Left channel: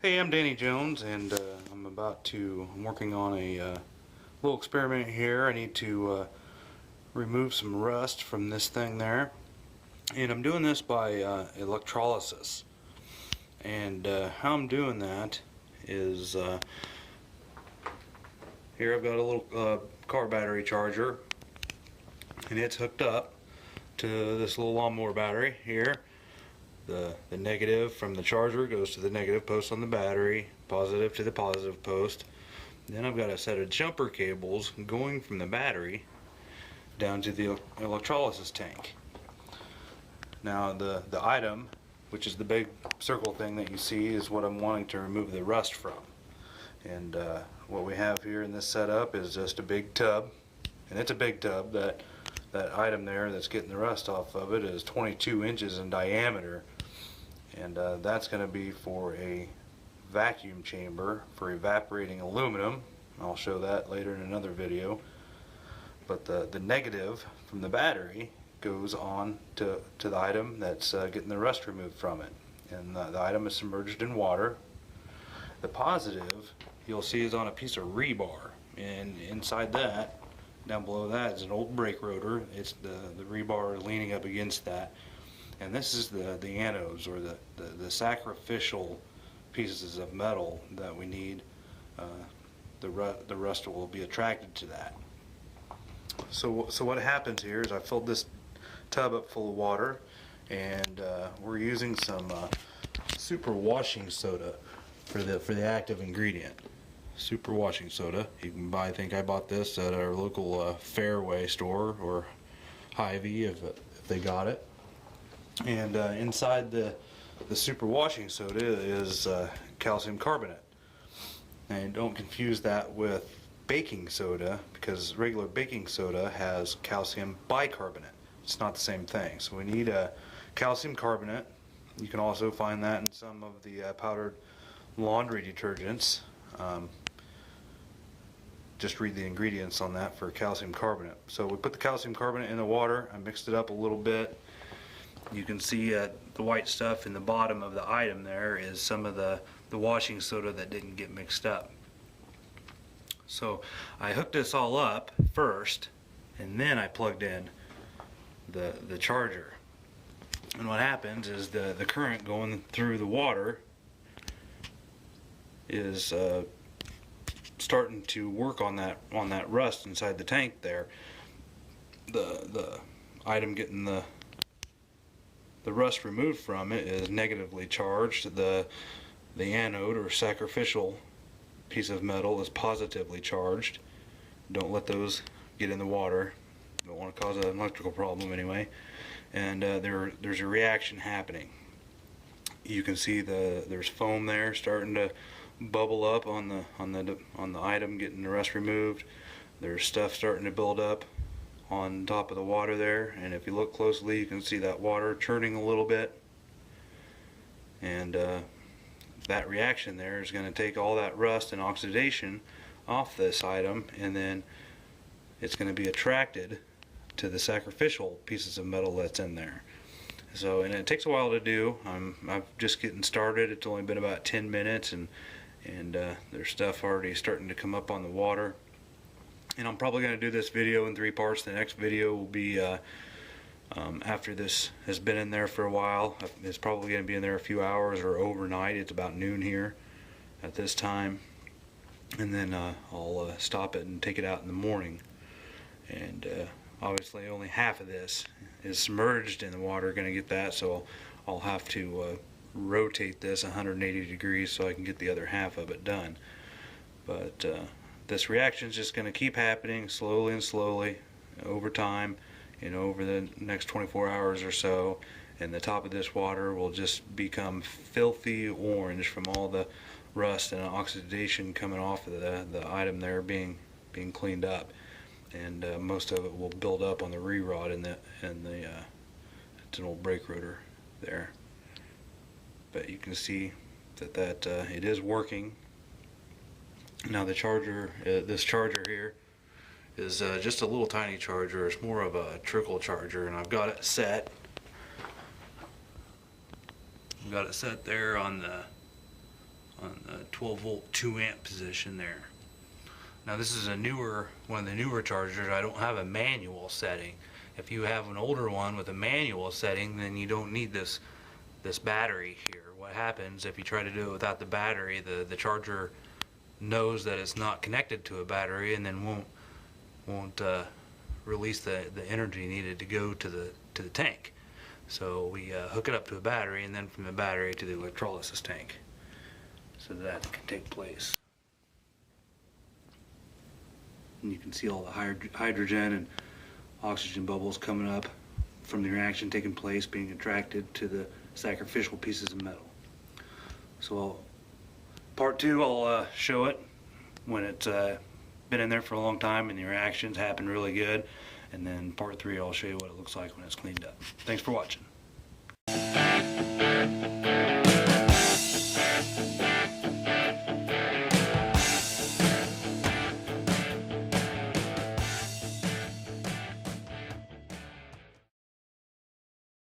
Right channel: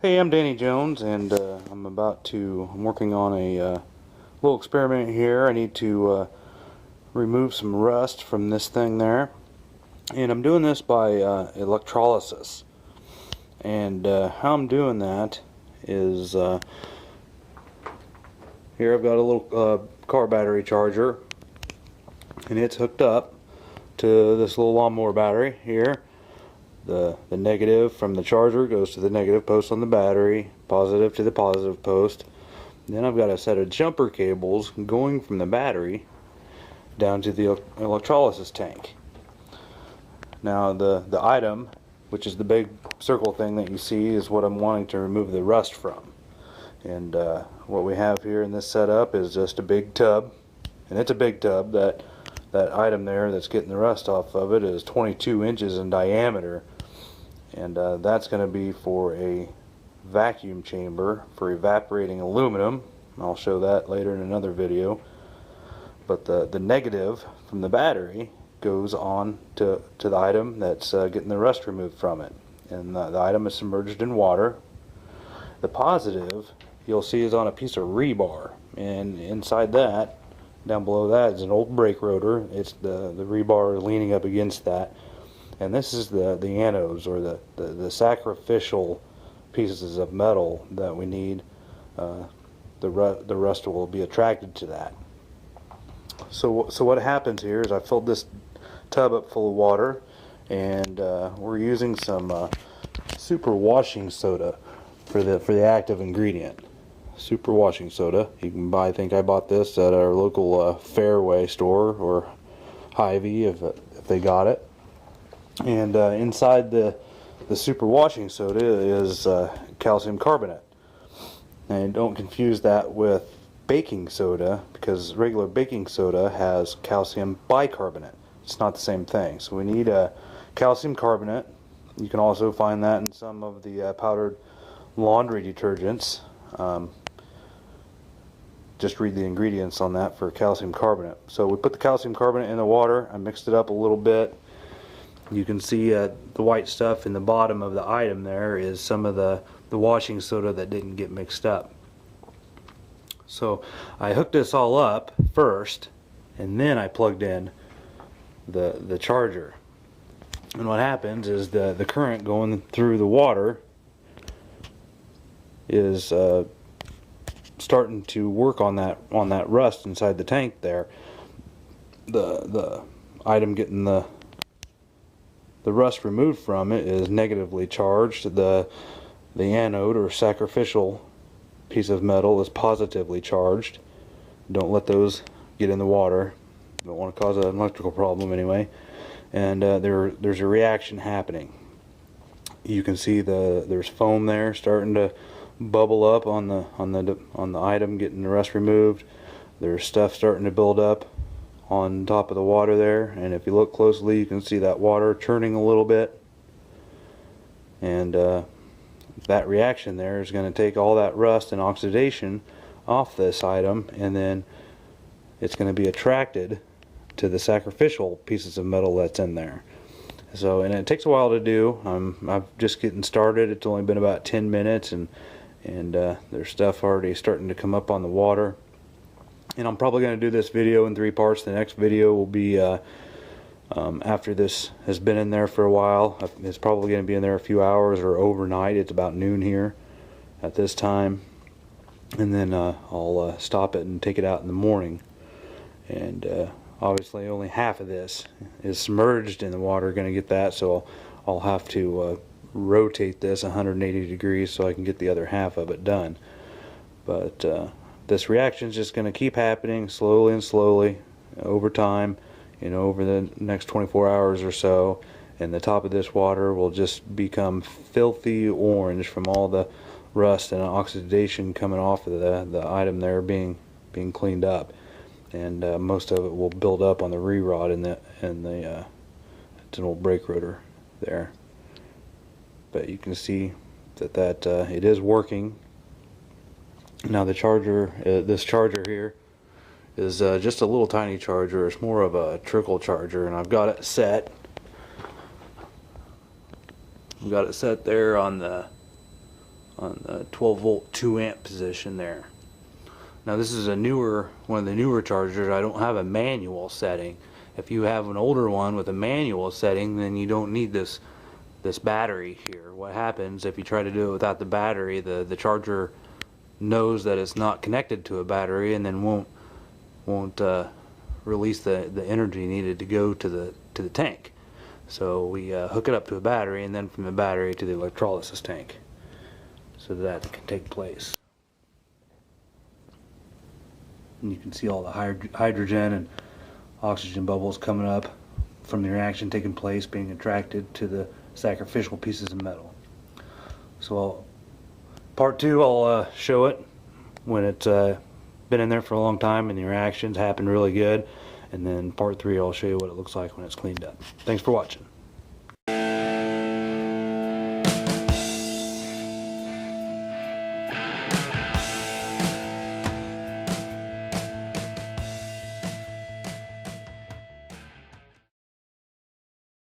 Hey, I'm Danny Jones, and I'm working on a little experiment here. I need to remove some rust from this thing there, and I'm doing this by electrolysis. And how I'm doing that is here I've got a little car battery charger, and it's hooked up to this little lawnmower battery here. The negative from the charger goes to the negative post on the battery, positive to the positive post. Then I've got a set of jumper cables going from the battery down to the electrolysis tank. Now the item, which is the big circle thing that you see, is what I'm wanting to remove the rust from. And what we have here in this setup is just a big tub, and it's a big tub. That item there that's getting the rust off of it is 22 inches in diameter, and that's going to be for a vacuum chamber for evaporating aluminum. I'll show that later in another video. But the negative from the battery goes on to the item that's getting the rust removed from it, and the item is submerged in water. The positive you'll see is on a piece of rebar, and inside that, down below that, is an old brake rotor. It's the rebar leaning up against that, and this is the anodes, or the sacrificial pieces of metal that we need. The rust will be attracted to that. So what happens here is I filled this tub up full of water, and we're using some super washing soda for the active ingredient. Super washing soda. You can buy. I think I bought this at our local Fairway store or Hy-Vee if they got it. And inside the super washing soda is calcium carbonate. Now don't confuse that with baking soda, because regular baking soda has calcium bicarbonate. It's not the same thing. So we need a calcium carbonate. You can also find that in some of the powdered laundry detergents. Just read the ingredients on that for calcium carbonate. So we put the calcium carbonate in the water. I mixed it up a little bit. You can see the white stuff in the bottom of the item there is some of the washing soda that didn't get mixed up. So I hooked this all up first, and then I plugged in the charger. And what happens is the current going through the water is starting to work on that rust inside the tank there. The item getting the rust removed from it is negatively charged. The anode, or sacrificial piece of metal, is positively charged. Don't let those get in the water. Don't want to cause an electrical problem anyway. And there's a reaction happening. You can see there's foam there starting to bubble up on the item getting the rust removed. There's stuff starting to build up on top of the water there, and if you look closely you can see that water churning a little bit, and that reaction there is going to take all that rust and oxidation off this item, and then it's going to be attracted to the sacrificial pieces of metal that's in there. So, and it takes a while to do. I'm just getting started. It's only been about 10 minutes, and there's stuff already starting to come up on the water. And I'm probably going to do this video in 3 parts. The next video will be after this has been in there for a while. It's probably going to be in there a few hours or overnight. It's about noon here at this time. And then I'll stop it and take it out in the morning. And obviously only half of this is submerged in the water. Going to get that, so I'll have to rotate this 180 degrees so I can get the other half of it done. But this reaction is just going to keep happening slowly and slowly over time, over the next 24 hours or so, and the top of this water will just become filthy orange from all the rust and oxidation coming off of the item there being cleaned up, and most of it will build up on the re-rod and it's an old brake rotor there. But you can see that it is working. Now the charger, this charger here, is just a little tiny charger. It's more of a trickle charger, and I've got it set. I've got it set there on on the 12 volt 2 amp position there. Now this is one of the newer chargers. I don't have a manual setting. If you have an older one with a manual setting, then you don't need this battery here. What happens if you try to do it without the battery, the charger knows that it's not connected to a battery and then won't release the energy needed to go to the tank. So we hook it up to a battery, and then from the battery to the electrolysis tank, so that can take place. And you can see all the hydrogen and oxygen bubbles coming up from the reaction taking place, being attracted to the sacrificial pieces of metal. So part 2, I'll show it when it's been in there for a long time and the reactions happen really good, and then part 3 I'll show you what it looks like when it's cleaned up. Thanks for watching.